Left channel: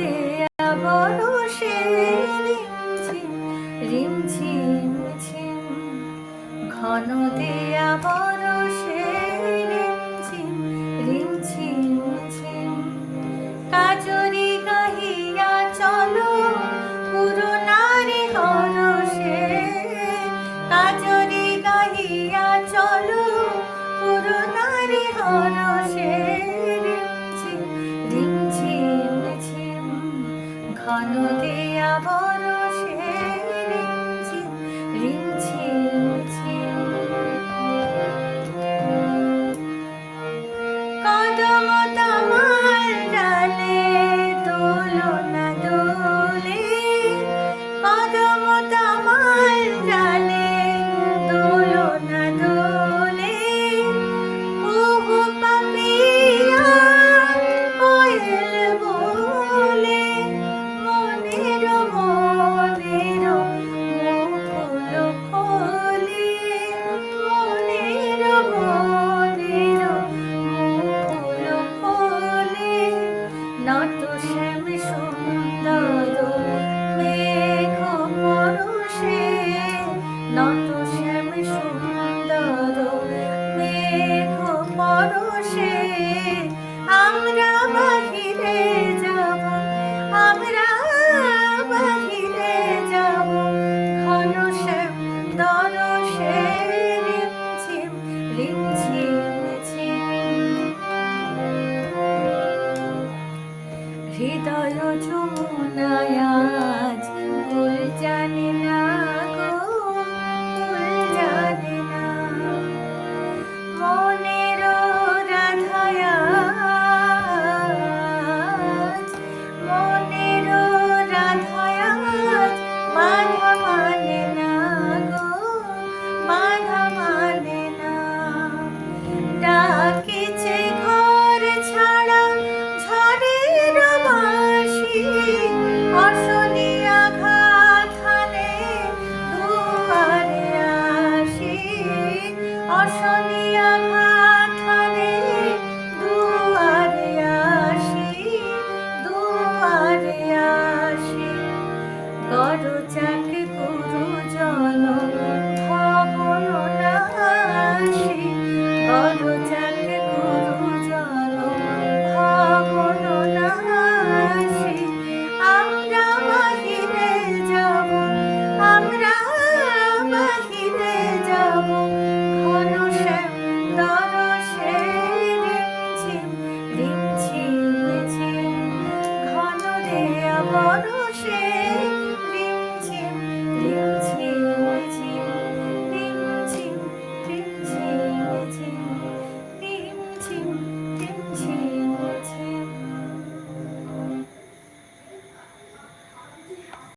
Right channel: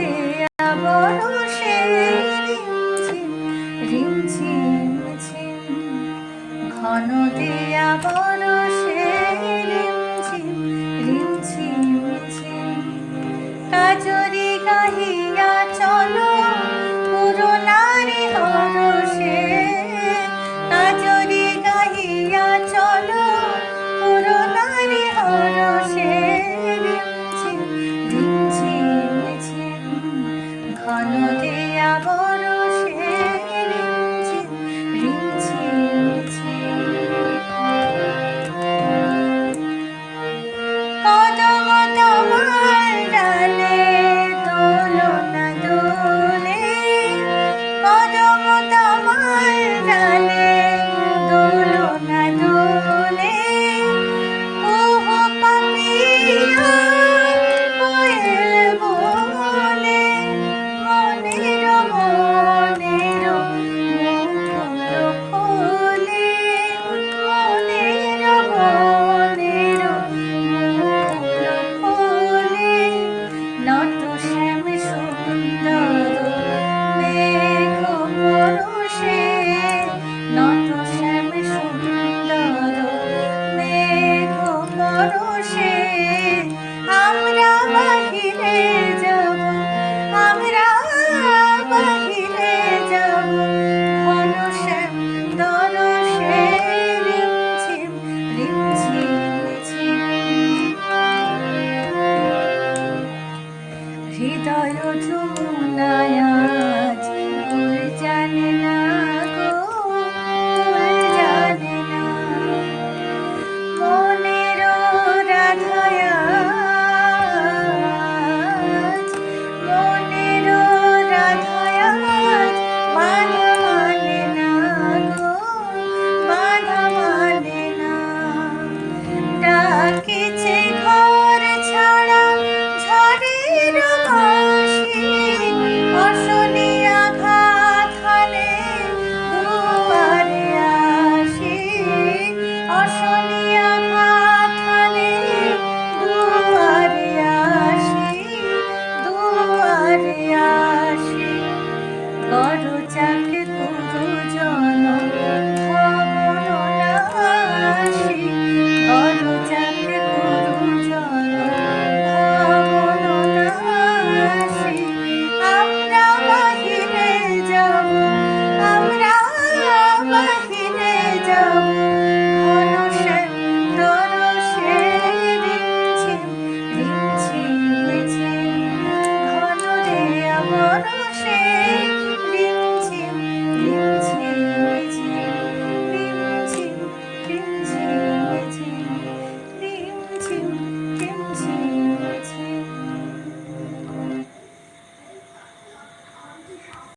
দেয়া বরষে রিমঝিম ঝিম, ঘন দেয়া বরষে রিমঝিম রিমঝিম ঝিম। কাজরি গাহিয়া চলো পুরনারি হরষে, কাজরি গাহিয়া চলো পুরনারি হরষে রিমঝিম রিমঝিম ঝিম, ঘন দেয়া বরষে রিমঝিম রিমঝিম ঝিম। কদম তমাল ডালে দোলনা দোলে, কদম তমাল ডালে দোলনা দোলে। কুহু পাপিয়া কোয়েল বলে, মনের মনের মুকুল খোলে, মনের মনের মুকুল খোলে। নত শ্যাম সুন্দর মেঘ পরশে, নত শ্যাম সুন্দর মেঘ পরশে। আমরা বাহিরে যাব, আমরা বাহিরে যাব, ঘন শ্যাম দরশে রিমঝিম রিমঝিম ঝিম। হৃদয় যমুনায়